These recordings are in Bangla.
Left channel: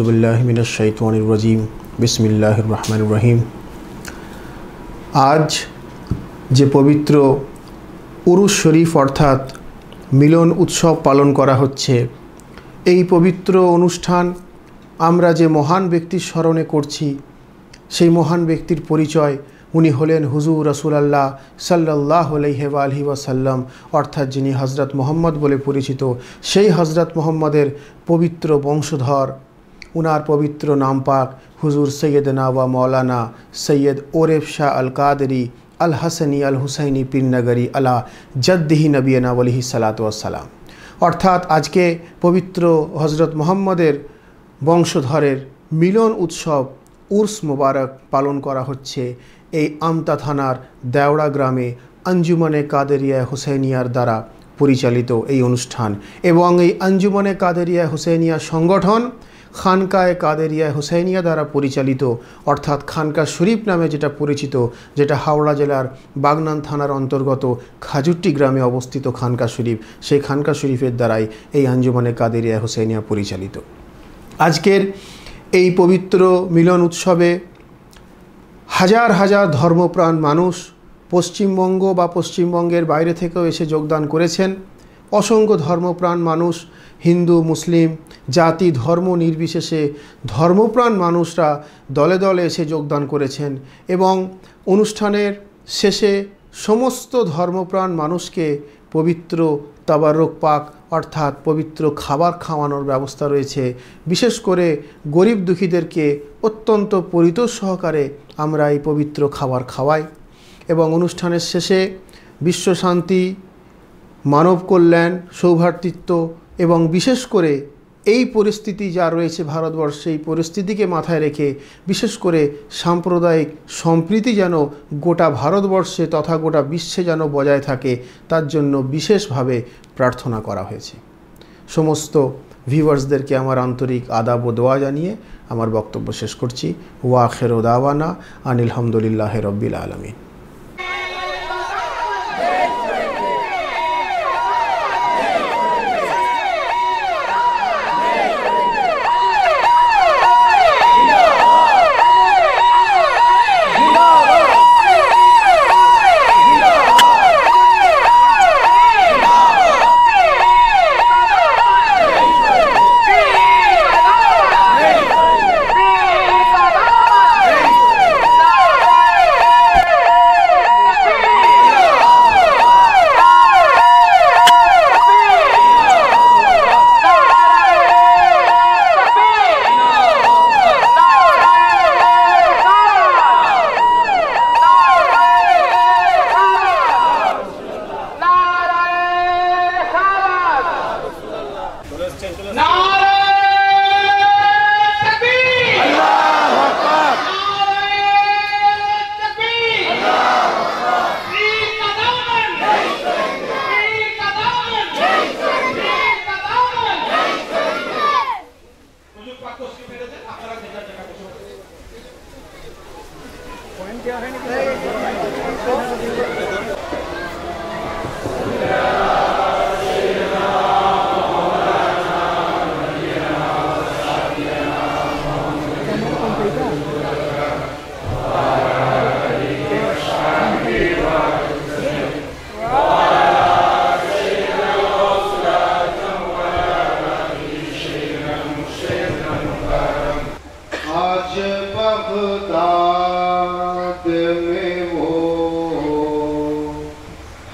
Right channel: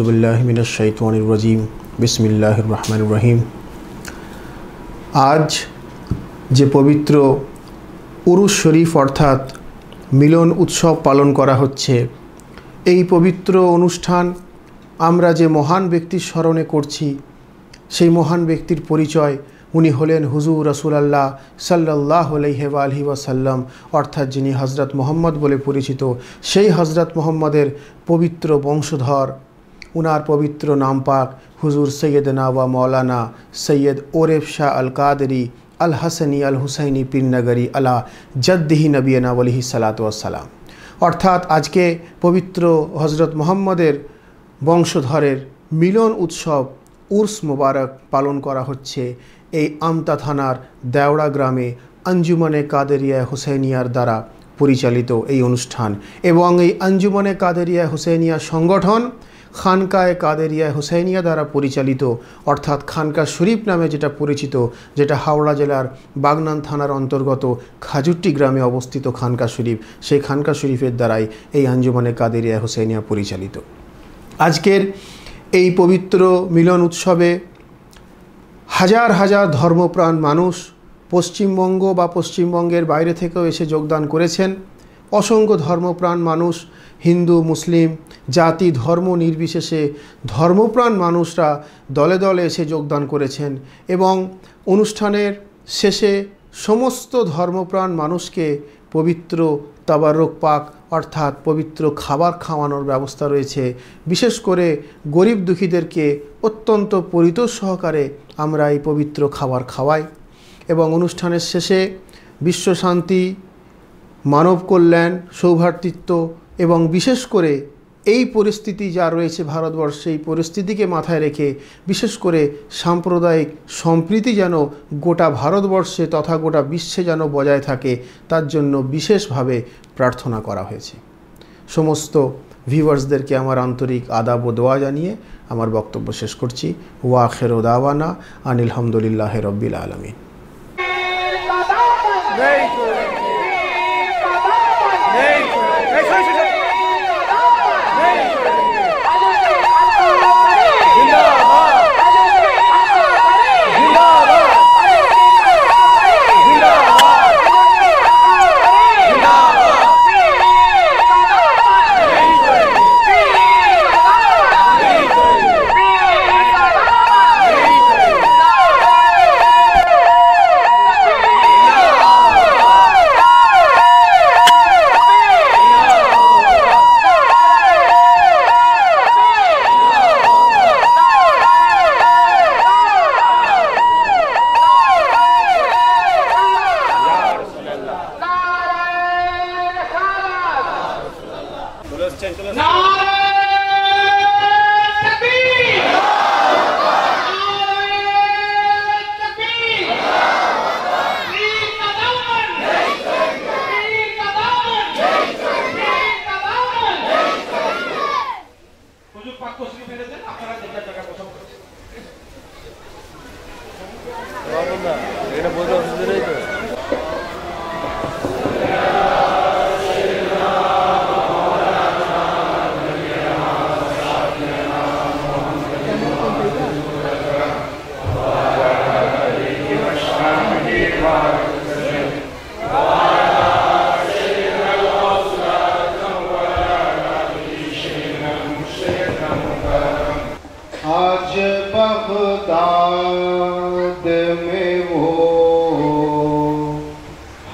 आउज़ुबिल्लाहि मिनश्शैतानिर्रजीम बिस्मिल्लाहिर्रहमानिर्रहीम। आज जे पवित्र उरुस शरीफ अर्थात मिलन उत्सव पालन करा होच्छे, এই পবিত্র অনুষ্ঠান আমরা যে মহান ব্যক্তির স্মরণে করছি সেই মহান ব্যক্তির পরিচয় উনি হলেন হুজুর রাসূলুল্লাহ সাল্লাল্লাহু আলাইহি ওয়াসাল্লাম অর্থাৎ যিনি হযরত মুহাম্মদ বলে পরিচিত সেই হযরত মুহাম্মদের পবিত্র বংশধর। উনার পবিত্র নাম পাক হুজুর সৈয়দনা ওয়া মৌলানা সৈয়দ ওরেফ শাহ আল কাদরি আল হাসানি আল হুসাইনি পীরনগরী আলা জদ্দিহি নবিয়না আলাইহি সালাতু ওয়াসসালাম। অর্থাৎ আজকে পবিত্র হযরত মুহাম্মদের বংশধরের মিলন উৎসব উর্স মুবারক পালন করা হচ্ছে এই আমতা থানার দেওড়া গ্রামে আঞ্জুমানে কাদেরিয়া হুসাইনিয়ার দ্বারা পরিচালিত এই অনুষ্ঠান। এবং এই আঞ্জুমানে কাদেরিয়া হুসাইনিয়া সংগঠন খানকায়ে কাদেরিয়া হুসাইনিয়া দ্বারা পরিচালিত অর্থাৎ খানকা শরীফ নামে যেটা পরিচিত, যেটা হাওড়া জেলার বাগনান থানার অন্তর্গত খাজুট্টি গ্রামে অবস্থিত খানকা শরীফ, সেই খানকা শরীফের দ্বারাই এই আঞ্জুমানে কাদেরিয়া হুসাইনিয়া পরিচালিত। আজকের এই পবিত্র মিলন উৎসবে হাজার হাজার ধর্মপ্রাণ মানুষ পশ্চিমবঙ্গ বা পশ্চিমবঙ্গের বাইরে থেকেও এসে যোগদান করেছেন। অসংখ্য ধর্মপ্রাণ মানুষ, হিন্দু মুসলিম জাতি ধর্ম নির্বিশেষে ধর্মপ্রাণ মানুষরা দলে দলে এসে যোগদান করেছেন। এবং অনুষ্ঠানের শেষে সমস্ত ধর্মপ্রাণ মানুষকে পবিত্র তাবারুক পাক অর্থাৎ পবিত্র খাবার খাওয়ানোর ব্যবস্থা রয়েছে। বিশেষ করে গরিব দুঃখীদেরকে অত্যন্ত পরিতোষ সহকারে আমরা এই পবিত্র খাবার খাওয়াই। এবং অনুষ্ঠানের শেষে বিশ্বশান্তি, মানব কল্যাণ, সৌভ্রাতৃত্ব এবং বিশেষ করে এই পরিস্থিতি যা রয়েছে ভারতবর্ষে, এই পরিস্থিতিকে মাথায় রেখে বিশেষ করে সাম্প্রদায়িক সম্প্রীতি যেন গোটা ভারতবর্ষে তথা গোটা বিশ্বে যেন বজায় থাকে তার জন্য বিশেষভাবে প্রার্থনা করা হয়েছে। সমস্ত ভিউয়ার্সদেরকে আমার আন্তরিক আদাব ও দোয়া জানিয়ে আমার বক্তব্য শেষ করছি। ওয়া আখিরু দাওয়ানা আনিল হামদুলিল্লাহি রাব্বিল আলামিন।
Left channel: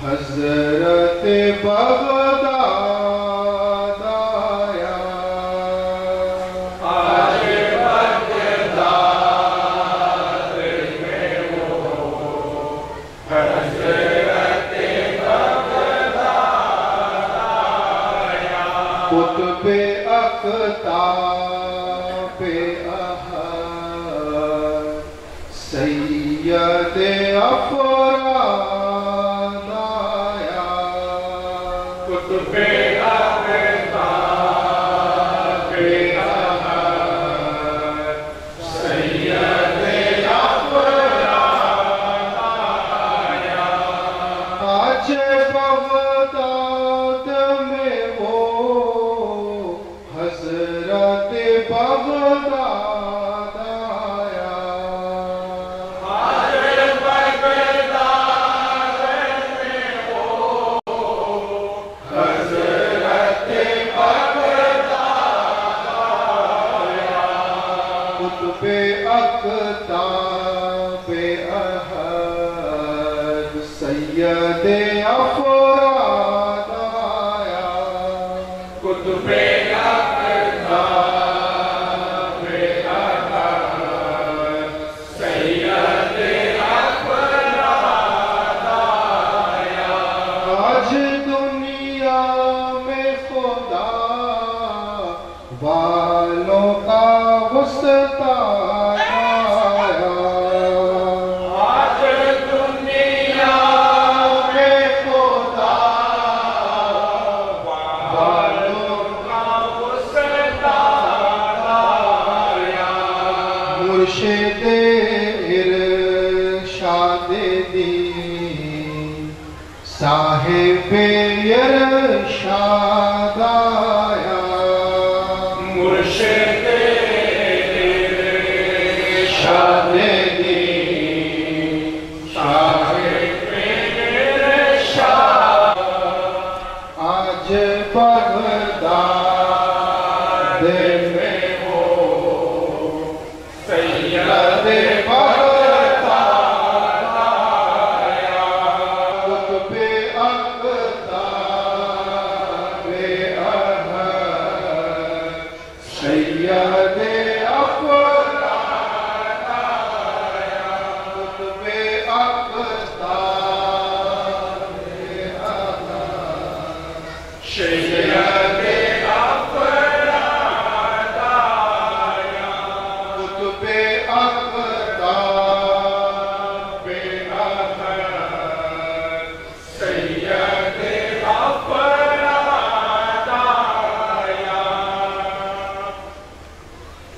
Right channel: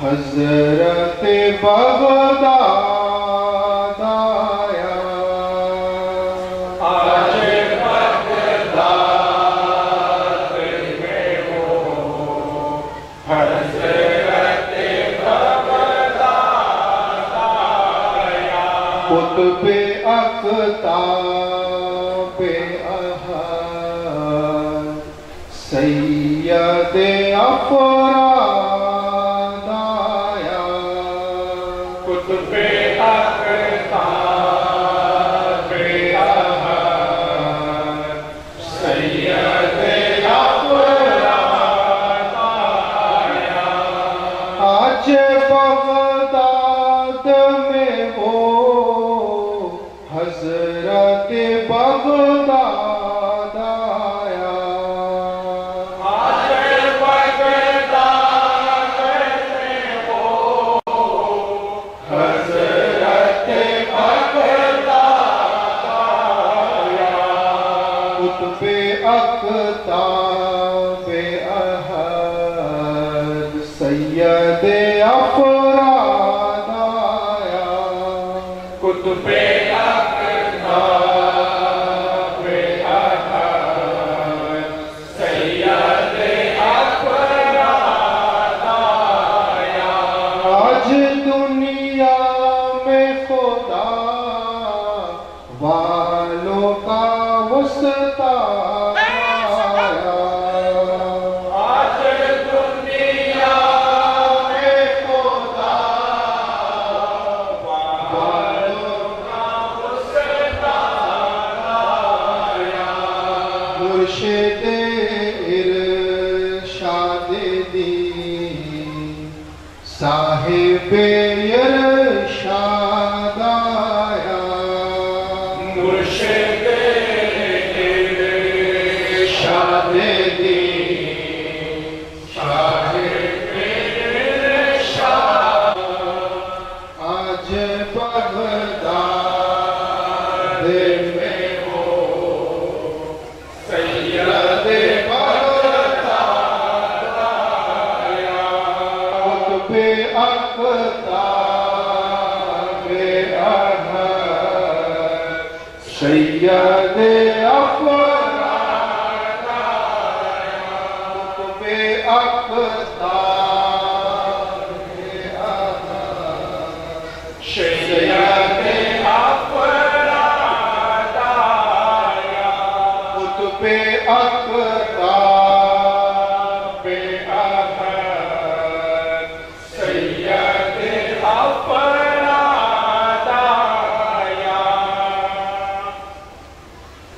हज़रत बग़दाद अक़ताब अहद सैयद अफराद आया। कुतुब अक़ताब अहद सैयद अफराद आया। आज दुनिया में खुदा वालों का वस्ता आया। आज दुनिया में खुदा वालों का वस्ता आया। मुर्शिद इरशाद दीन साहिब इरशाद आया। मुर्शिद इरशाद दीन साहिब इरशाद। आज बगदाद में हो सैयद बगदाद आया। कुतुब अक़ताब अहद सैयद अफराद आया। कुतुब अक़ताब अहद सैयद अफराद आया। कुतुब अक़ताब अहद सैयद अफराद आया।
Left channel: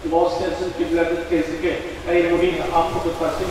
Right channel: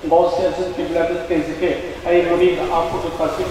बहुत से ऐसे किबला के जिक्र ऐ नबी आपको तो फासिल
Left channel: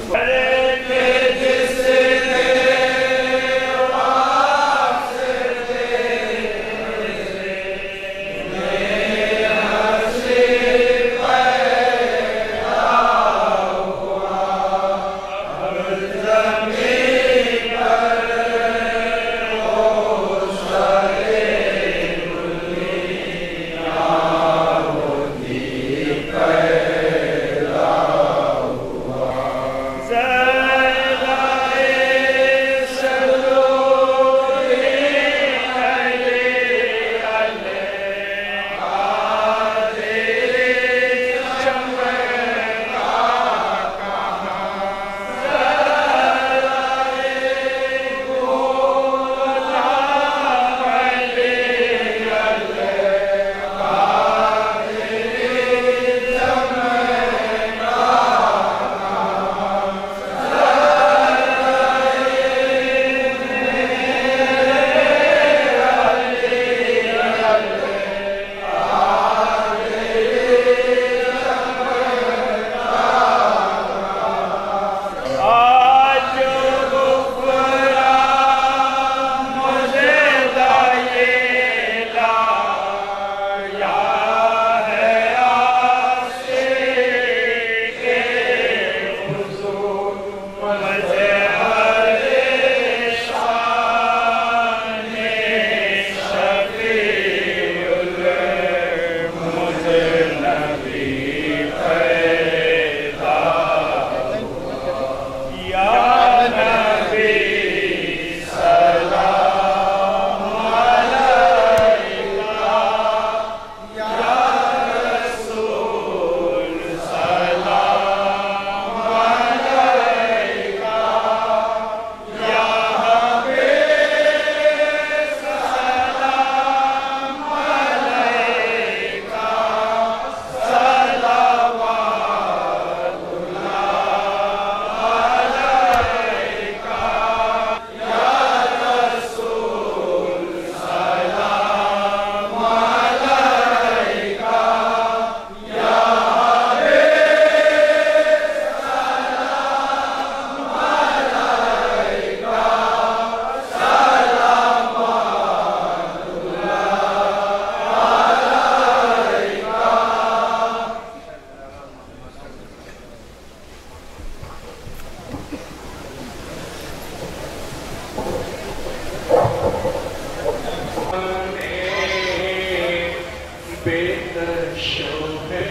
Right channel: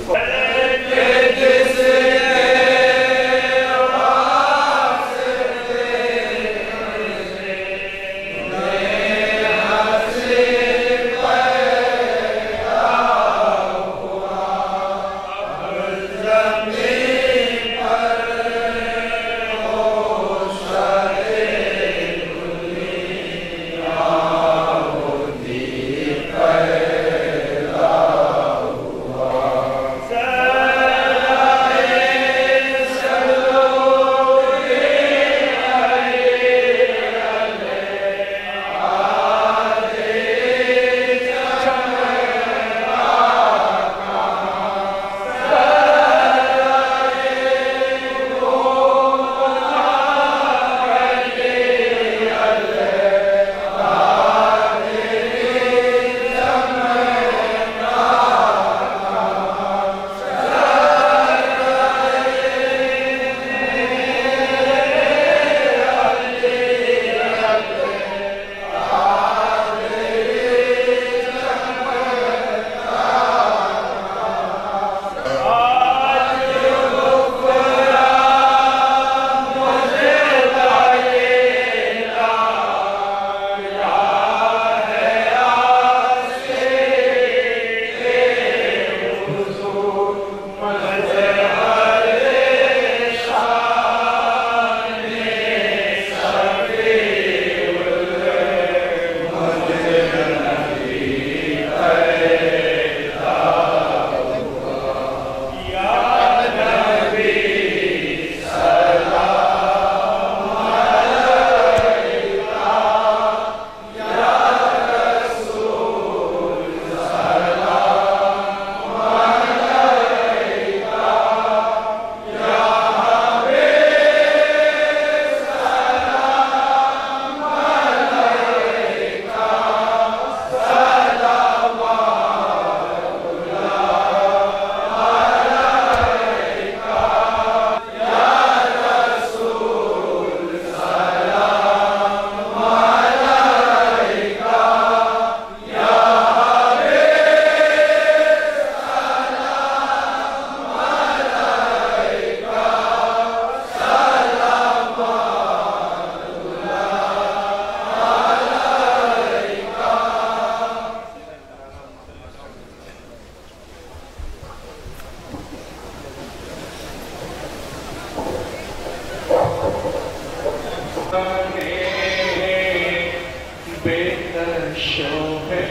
बेदर्शो है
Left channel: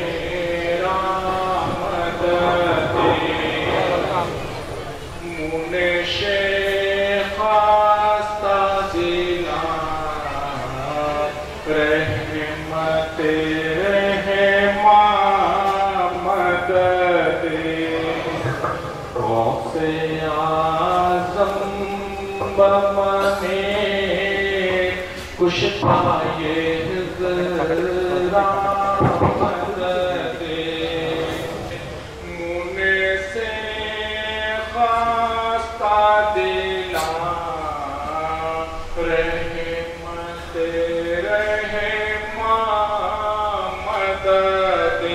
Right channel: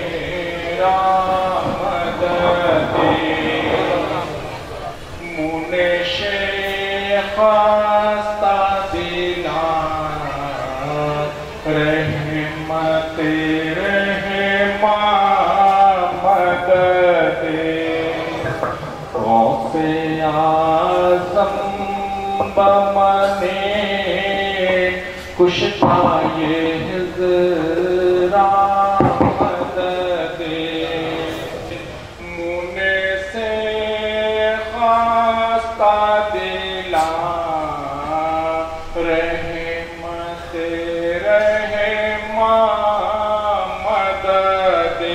रामदा से आज़म बमने कुशता ये हिज़रा मददे मुने से खास्ता दिला रहमत रहमा मददे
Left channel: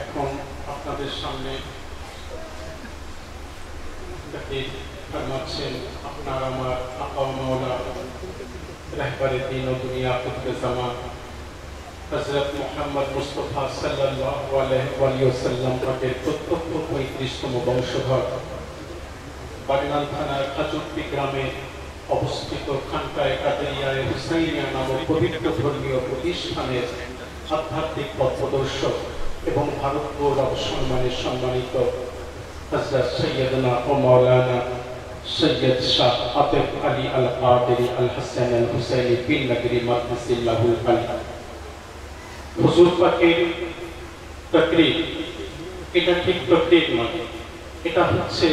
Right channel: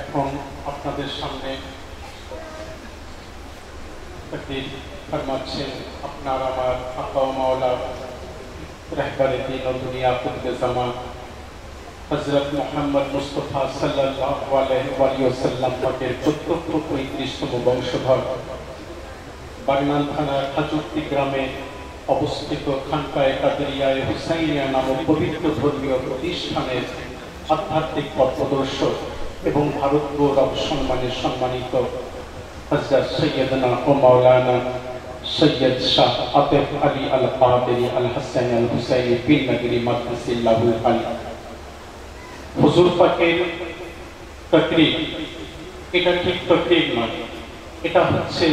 এখন আপনাদের সামনে ফরমাচ্ছেন আপনার আমার আকা ও মাওলা रहबरे दीन और दुनिया के ज़मान हज़रत मोहम्मद मुस्तफ़ा सल्लल्लाहु अलैहि वसल्लम के प्रत्यक्ष 35তম বংশধর বাগনান থানার খাজুরটি গ্রামে অবস্থিত খানকায়ে কাদেরিয়া হুসাইনিয়া নামক পবিত্র ধর্মীয় প্রতিষ্ঠানের আধ্যাত্মিক পথপ্রদর্শক এবং ভারত গৌরব সম্মানে সম্মানিত হযরত সৈয়দনা ও মাওলানা सैयद शाह आतिफ अली अल कादरी अल हसन अल हुसैनी बिन नगरी मक़दसिल्लाहुल अली हुजूर पाकेर तकरीर এটা ঠিক তকরির নয়, এটা হচ্ছে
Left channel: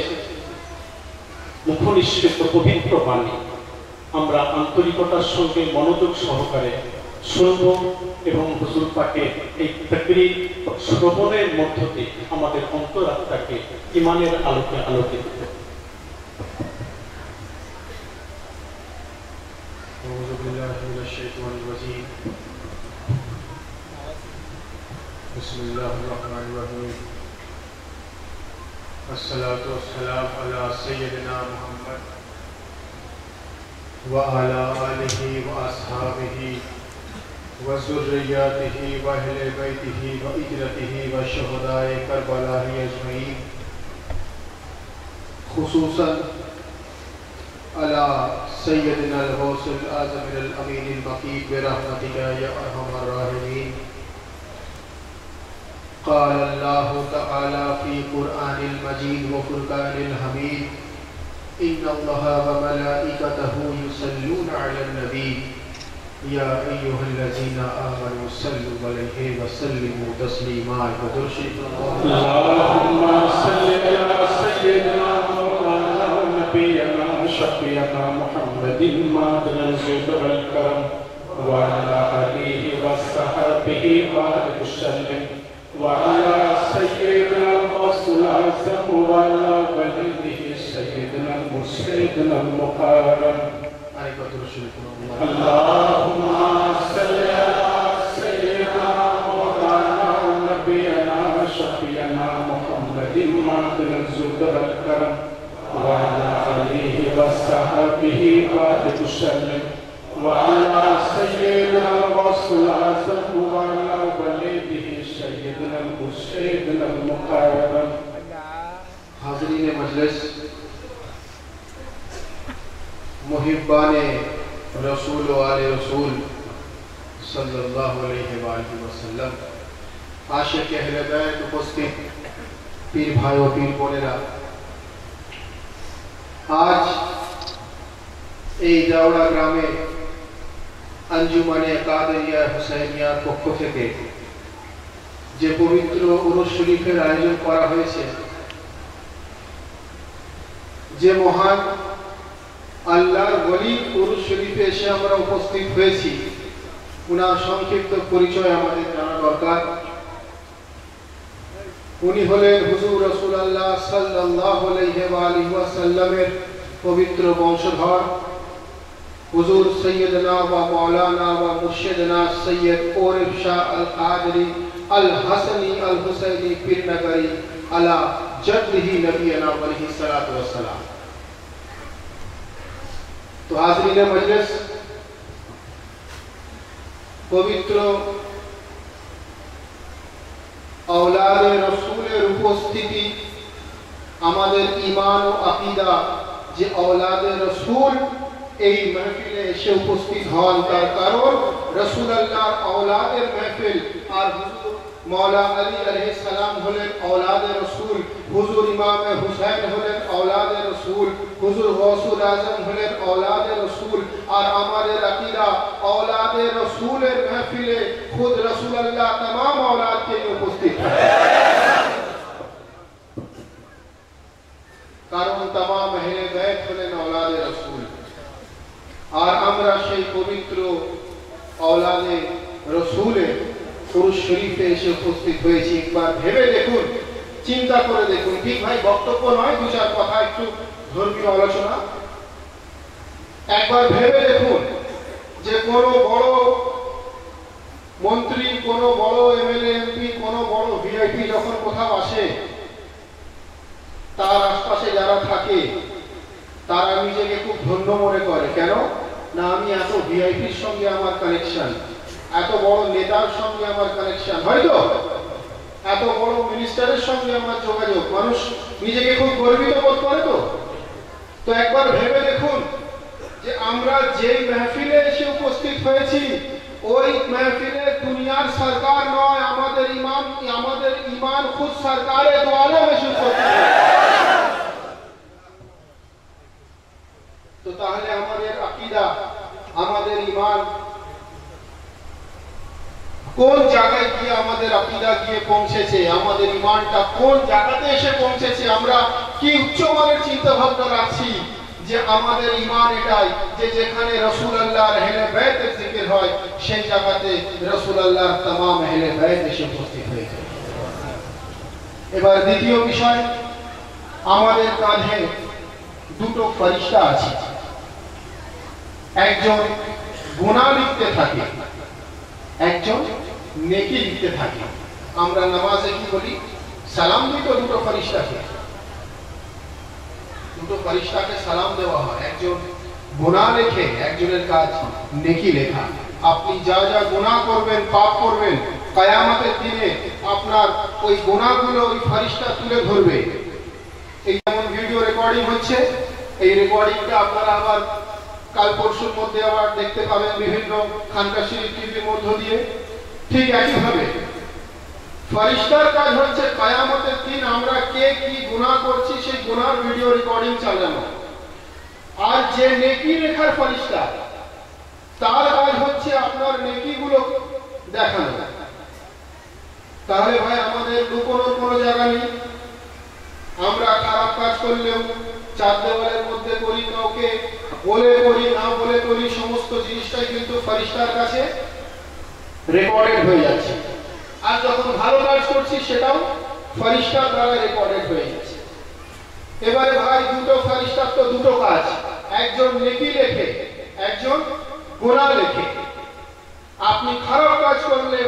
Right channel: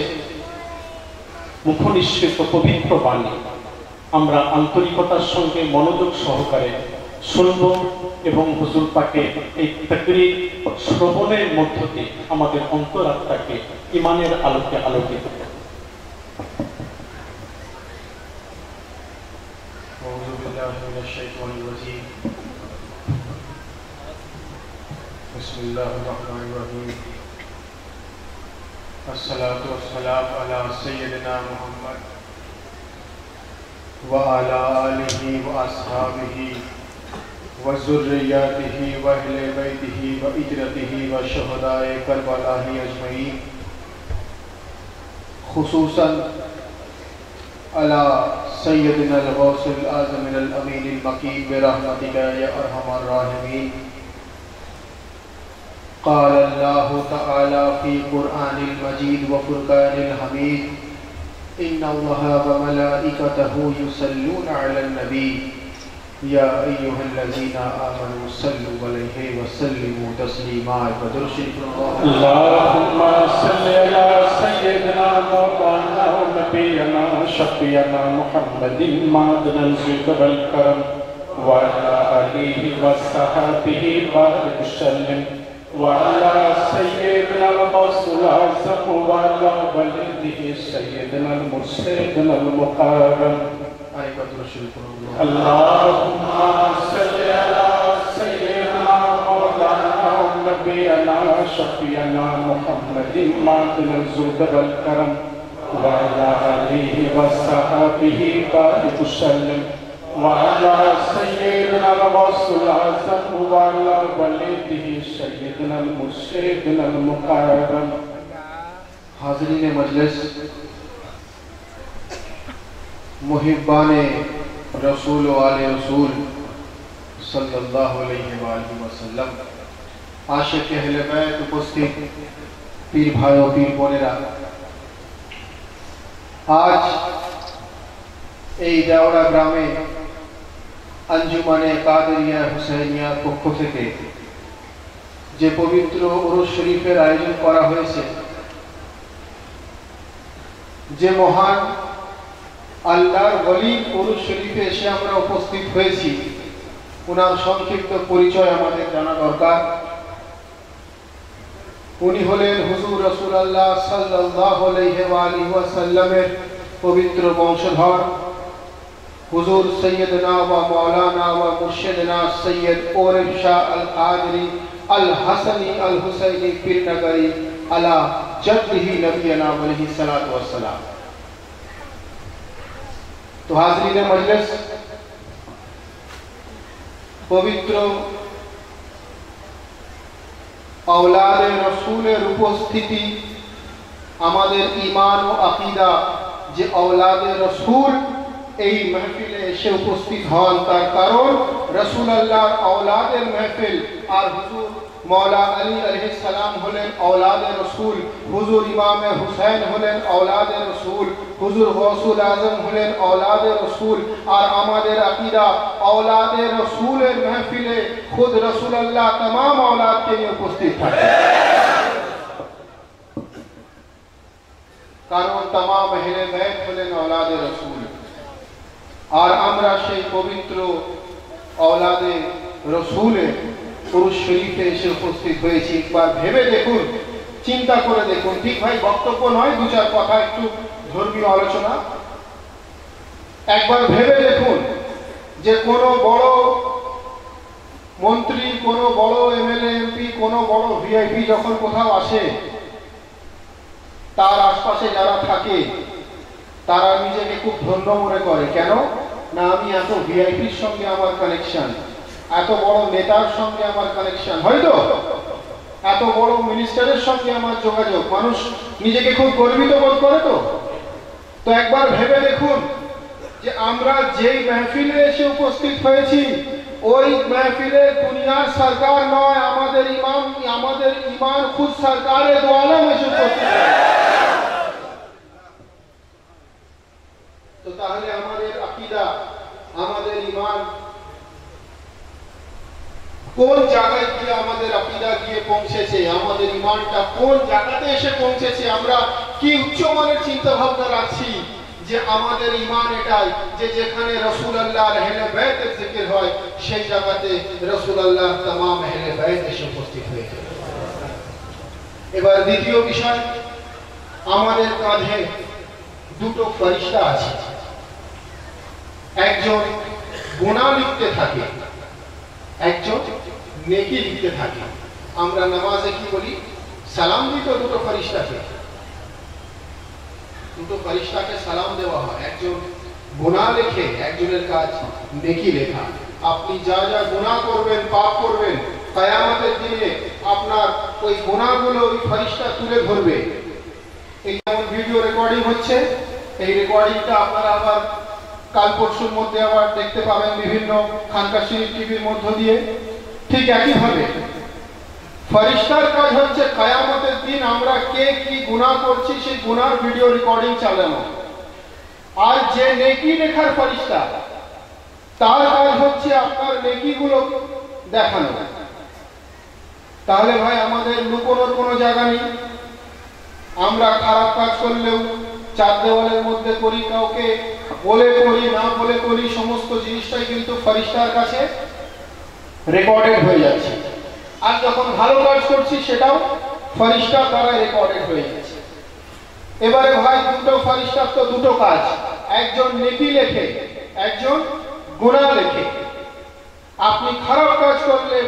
মুখনিঃসৃত পবিত্র বাণী। আমরা আন্তরিকতার সঙ্গে মনোযোগ সহকারে শুনব এবং হুজুর পাকের এই তকরির শ্রবণের মধ্য দিয়ে আমাদের অন্তরাত্মাকে ঈমানের আলোকে আলোকিত করব। बिस्मिल्लाहिर्रहमानिर्रहीम। अस्सलातु वस्सलामु अला सय्यिदिना मुहम्मद व अला आलिहि व अस्हाबिहि व ज़ुर्रिय्यतिहि व अहले बैतिहि व इतरतिहि व शुहदाए करबला अजमईन, खुसूसन अला सय्यिदिना अल-गौसुल आज़म अल-अमीन अल-मकीन बिरहमतिका या अरहमर राहिमीन। क़ाल अल्लाहु तआला फ़ी क़ुरआनिल मजीद व फ़ुरक़ानिल हमीद, इन्नल्लाहा व मलाइकतहु युसल्लूना अलन नबी या अय्युहल्लज़ीना आमनू सल्लु अलैहि व सल्लिमू तस्लीमा। अल्लाहुम्मा सल्लि अला सय्यिदिना मौलाना नबियना शफ़ीअना मुहम्मदिन मादनल ज़ुबल करम व अला आलिहि व सहाबिहि व सल्लम व अला सय्यिदिना रसूल आज़म व अला वलिदिहि सय्यिदिना मुर्शिदना मुक़र्रम। अल्लाहुम्मा सल्लि अला सय्यिदिना मौलाना नबियना शफ़ीअना मुहम्मदिन मादनल ज़ुबल करम व अला आलिहि व सहाबिहि व सल्लम व अला सय्यिदिना रसूल आज़म व अला वलिदिहि सय्यिदिना मुर्शिदना मुक़र्रम। हाज़रीन मजलिस, मुहिब्बाने रसूल व आले रसूल सल्लल्लाहु अलैहि वसल्लम, आशिक अहले बैत उपस्थित पीर भाइयों पीर बोनेरा, आज এই দাওড়া গ্রামে আঞ্জুমানে কাদেরিয়া হুসাইনিয়ার পক্ষ থেকে যে পবিত্র উরুস শরীফের আয়োজন করা হয়েছে, যে মহান আল্লাহর ওলি উরুস শরীফে এসে আমরা উপস্থিত হয়েছি, ওনার সংক্ষিপ্ত পরিচয় আমাদের জানা দরকার। উনি হলেন হুজুর রাসূলুল্লাহ সাল্লাল্লাহু আলাইহি ওয়া সাল্লামের পবিত্র বংশধর हुजूर सैयदना व मौलाना व मुर्शिदना सैयद औरफ शाह अल कादरी अल हसनी अल हुसैनी पीर नगरी अला जद्दिही नबीना अलैहि सलातु व सलाम। तो हाज़रीन मजलिस, पवित्र औलादे रसूलेर उपस्थिति आमादेर ईमान व आकीदा जे औलादे रसूल এই महफिले এসে উপস্থিত হন তার কারণ রাসূলুল্লাহর औलादের महफिल আর হুজুর मौला अली अलैहिस सलाम হলেন औलादे रसूल, হুজুর ইমামে হুসাইন হলেন औलादे रसूल, হুজুর গৌসুল আজম হলেন औलादे रसूल। আর আমাদের আকীদা औलादे रसूलेর महफिले खुद রাসূলুল্লাহ तमाम औलादকে নিয়ে উপস্থিত থাকে, কারণ तमाम আহলে বাইত হলেন औलादे रसूल। और আমরা সেই পবিত্র औलादे रसूले उरुस शरीफे এসে উপস্থিত হয়েছি। একবার ভেবে দেখুন, চিন্তা করে দেখুন। ঠিক ভাই বক্তব্য নয়, দু চার কথা একটু ধর্মীয় আলোচনা। একবার ভেবে দেখুন যে কোনো বড় মন্ত্রী, কোনো বড় এমএলএ এমপি, কোনো বড় ভিআইপি যখন কোথাও আসে, তার আশপাশে যারা থাকে তারা নিজেকে খুব ধন্য মনে করে। কেন না, আমি এত ভিআইপির সঙ্গে আমার কানেকশন, এত বড় নেতার সঙ্গে আমার কানেকশন, হয়তো এত বড় মিনিস্টারের সঙ্গে আমার যোগাযোগ, মানুষ নিজেকে খুব গর্বিত বোধ করে। তো একবার ভেবে দেখুন যে আমরা যেই মাহফিলে এসে উপস্থিত হয়েছি, ওই মাহফিলে দুনিয়ার সরকার নয়, আমাদের ইমান খুদ সরকারে দো আলম এসে উপস্থিত। তো তাহলে আমাদের আকীদা, আমাদের ঈমান কোন জায়গায় গিয়ে আমাদের আকীদা গিয়ে পৌঁছেছে, আমাদের ঈমানটা কোন জায়গাতে এসে পৌঁছেছে, আমরা কি উচ্চমানের চিন্তা ভাবনা রাখছি যে আমাদের ঈমান এটাই যে যেখানে রাসূলুল্লাহর আহলে বাইতের জিকির হয় সেই জায়গাতে রাসূলুল্লাহর तमाम আহলে বাইত এসে উপস্থিত হয়েছে। এবার দ্বিতীয় বিষয়, আমাদের কাঁধে দুটো ফেরেশতা আছে, একজন গুনাহ লিখতে থাকে, একজন নেকি লিখতে থাকে। আমরা নামাজে কি বলি? সালাম দিই তো দুটো ফেরেশতাকে, দুটো ফেরেশতাকে সালাম দেওয়া হয়। একজন গুনাহ লেখে, একজনের কাজ নেকি লেখা। আপনি যা যা গুনাহ করবেন, পাপ করবেন, কিয়ামতের দিনে আপনার ওই গুনাহগুলো ওই ফেরেশতা তুলে ধরবে। এই যেমন ভিডিও রেকর্ডিং হচ্ছে, এই রেকর্ডিংটা আপনারা আবার কাল পরশুর মধ্যে আবার দেখতে পাবেন বিভিন্ন খানকা শরীফ টিভির মধ্য দিয়ে। ঠিক একইভাবে ফেরেশতার কাজ হচ্ছে কিয়ামতের দিন আমরা কে কি গুনাহ করছি সেই গুনাহর ভিডিও রেকর্ডিং চালানো। আর যে নেকি লেখার ফেরেশতা, তার কাজ হচ্ছে আপনার নেকিগুলো দেখানো। তাহলে ভাই আমাদের লুকোনোর কোনো জায়গা নেই। আমরা খারাপ কাজ করলেও চার দেওয়ালের মধ্যে করি, কাউকে বলে করি না বলে করি, সমস্ত জিনিসটাই কিন্তু ফেরেশতার কাছে রেকর্ডেড হয়ে যাচ্ছে। আর যখন ভালো কাজ করছি সেটাও ফেরেশতার দ্বারা রেকর্ডেড হয়ে যাচ্ছে। এবারে ভাই দুটো ফেরেশতার তো দুটো কাজ, একজন নেকি লেখে, একজন গুনাহ লেখে। আপনি খারাপ কাজ করলে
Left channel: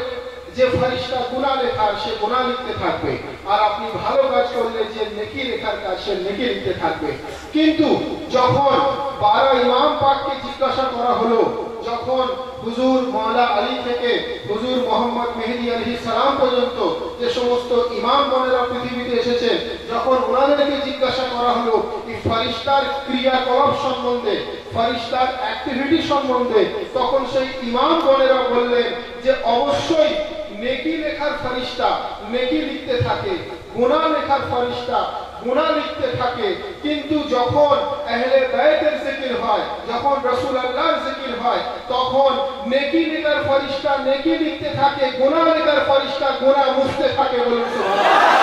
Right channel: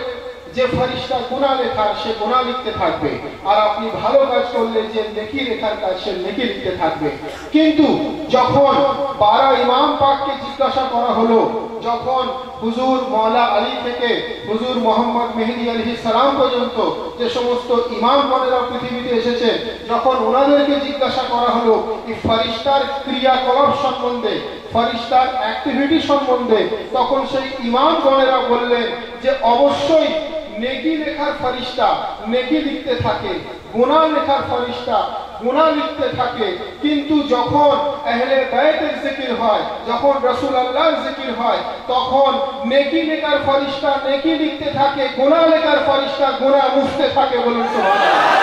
যে ফেরেশতা গুনাহ লেখার সে গুনাহ লিখতে থাকবে, আর আপনি ভালো কাজ করলে যে নেকি লেখার কাজ সে নেকি লিখতে থাকবে। কিন্তু যখন 12 ইমাম পাককে জিজ্ঞাসা করা হলো, যখন হুজুর মওলা আলী থেকে হুজুর মোহাম্মদ মেহেদী আলাইহিস সালাম পর্যন্ত যে সমস্ত ইমামগণেরা পৃথিবীতে এসেছে, যখন ওনাদেরকে জিজ্ঞাসা করা হলো এই ফেরেশতার ক্রিয়াকলাপ সম্বন্ধে, ফেরেশতার অ্যাক্টিভিটি সম্বন্ধে, তখন সেই ইমামগণেরা বললেন যে অবশ্যই নেকি লেখার ফেরেশতা নেকি লিখতে থাকে, গুনাহ লেখার ফেরেশতা গুনাহ লিখতে থাকে। কিন্তু যখন আহলে বাইতের জিকির হয়, যখন রাসূলুল্লাহর জিকির হয়, তখন নেকি লেখার ফেরেশতা নেকি লিখতে থাকে, গুনাহ লেখার ফেরেশতা গুনাহ মুছতে থাকে। বলুন সুবহানাল্লাহ।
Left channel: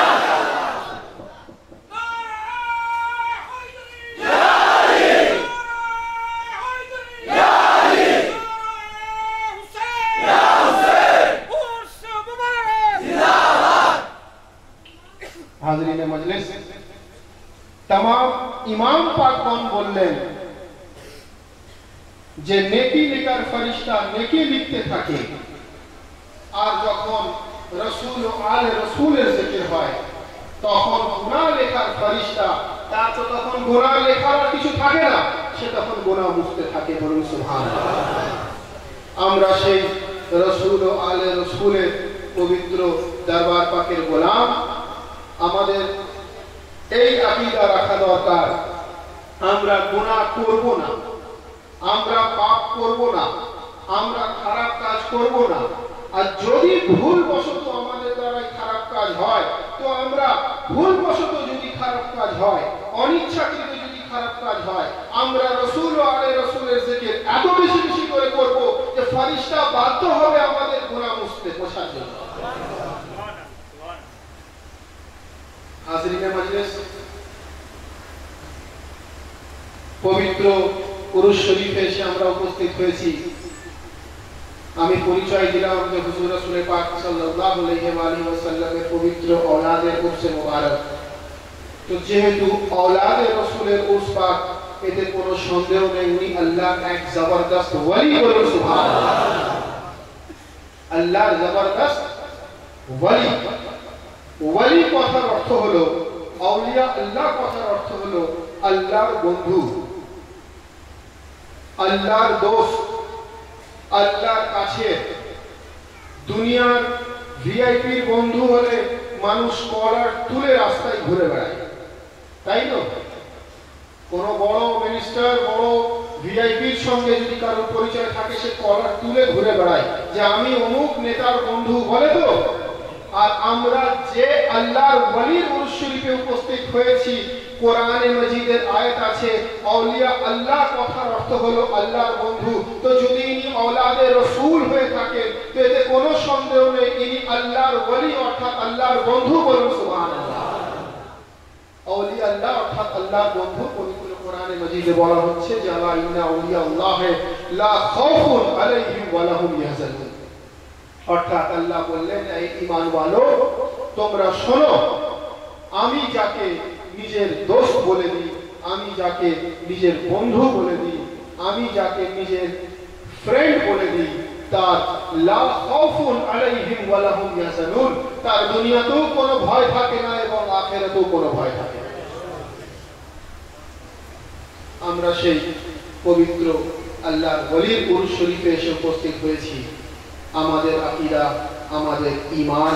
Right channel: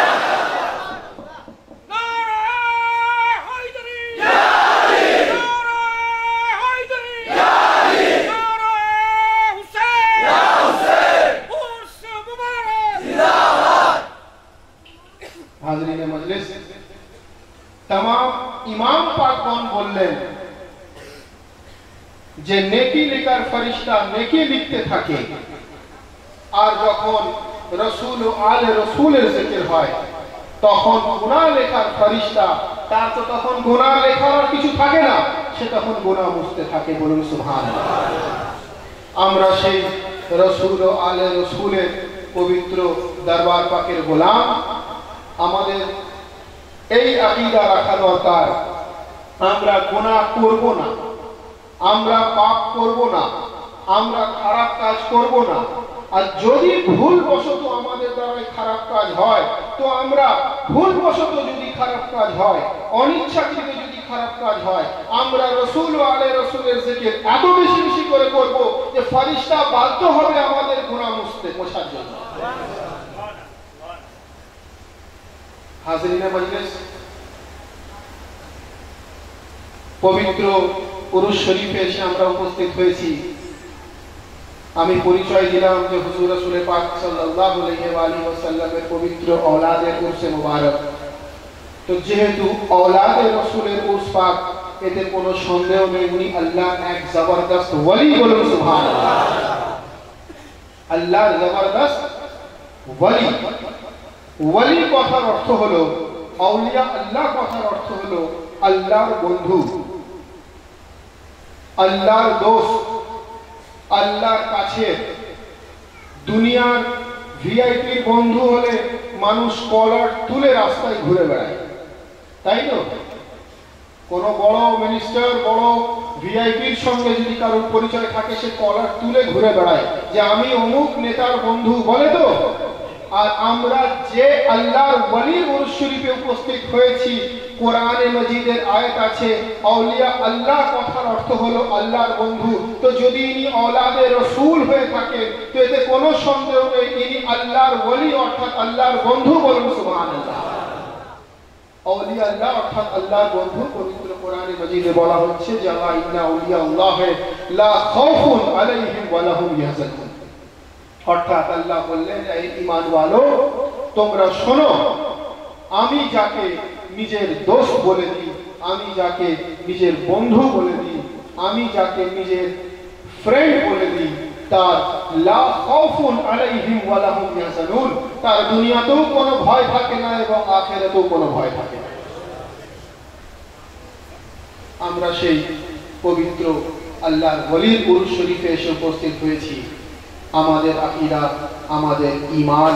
हाज़रीन मजलिस, तमाम इमाम पाकगण बोललेन যে নেকি লেখার ফেরেশতা নেকি লিখতে থাকে, আর যখন রাসূল ও আলে রাসূলের জিকির হয় তখন গুনাহ লেখার ফেরেশতা তার তো তখন গুনাহ লেখার আর কিছু থাকে না, সে তখন গুনাহ মুছতে থাকে। বলুন সুবহানাল্লাহ। আমরা সেই রাসূল ও আলে রাসূলের পবিত্র দরবার পাকের গোলাম। আমাদের এই আকীদা রাখা দরকার, আমরা গুনাহ করব না, আমরা পাপ করব না, আমরা খারাপ কাজ করব না। আর যদি ভুলবশত আমাদের দ্বারা খারাপ কাজ হয়, তো আমরা ভুলবশত যদি খারাপ কাজ হয়, অনিচ্ছাকৃত যদি খারাপ কাজ হয়, আমরা রাসূল ও আলে রাসূলের জিকির এত বেশি বেশি করে করব যে ফেরেশতা বাধ্য হবে আমাদের গুনাহ মুছতে পোষার জন্য। হাজিরিনে মজলিস, পবিত্র উরুস শরীফে এসে আমরা উপস্থিত হয়েছি। আমি পরিচয় দিলাম যে হুজুর রাসূল পাক সাল্লাল্লাহু আলাইহি ওয়াসাল্লামের পবিত্র औलादे উরসে মুবারক। তো যেহেতু औलादे রাসূলের উরস পাক, এতে কোনো সন্দেহ নেই উনি আল্লাহ এক জবরদস্ত ওলি। বলুন সুবহানাল্লাহ। আল্লাহ জবরদস্ত ওলি। ওলি কথার অর্থ হলো আউলিয়া, আল্লাহ কথার অর্থ হলো আল্লাহর বন্ধু, আল্লাহর দোস্ত, আল্লাহর কাছে। দুনিয়ার ভিআইপির বন্ধু হলে মানুষ কলার তুলে রাস্তায় ঘুরে বেড়ায়, তাই তো? কোন বড় মিনিস্টার, বড় ভিআইপির সঙ্গে যদি কারোর পরিচয় থাকে, সে কলার তুলে ঘুরে বেড়ায় যে আমি অমুক নেতার বন্ধু, বলে তো। আর আমরা যে আল্লাহর ওলির উরস শরীফে উপস্থিত হয়েছি, কোরআনে মজিদের আয়াত আছে আউলিয়া আল্লাহ কথার অর্থ হলো আল্লাহর বন্ধু। তো যদি ইনি औलादे রাসূল হয়ে থাকে, তো এতে কোনো সন্দেহ নেই ইনি আল্লাহর ওলি অর্থাৎ আল্লাহর বন্ধু। বলুন সুবহানাল্লাহ। আউলিয়া আল্লাহ অর্থাৎ আল্লাহর বন্ধু। পবিত্র কোরআনে মজিদে বলা হচ্ছে যে ইন্না আউলিয়া আল্লাহ লা খাউফুন আলাইহিম ওয়া লাহুম ইয়াহজানুন। অর্থাৎ আল্লাহ বললেন, এই ঈমান ওয়ালো, তোমরা শোনো, আমি যাকে নিজের দোস্ত বলে দিই, আমি যাকে নিজের বন্ধু বলে দিই, আমি যাকে নিজের ফ্রেন্ড বলে দিই, তার লা খাউফুন আলাইহিম ওয়া লাহুম ইয়াহজানুন, তার দুনিয়াতেও কোনো ভয় থাকে না এবং আখিরাতেও কোনো ভয় থাকে না। আমরা সেই পবিত্র আল্লাহর ওলির উরস শরীফে এসে উপস্থিত হয়েছি। আমাদের আকীদা, আমাদের ঈমান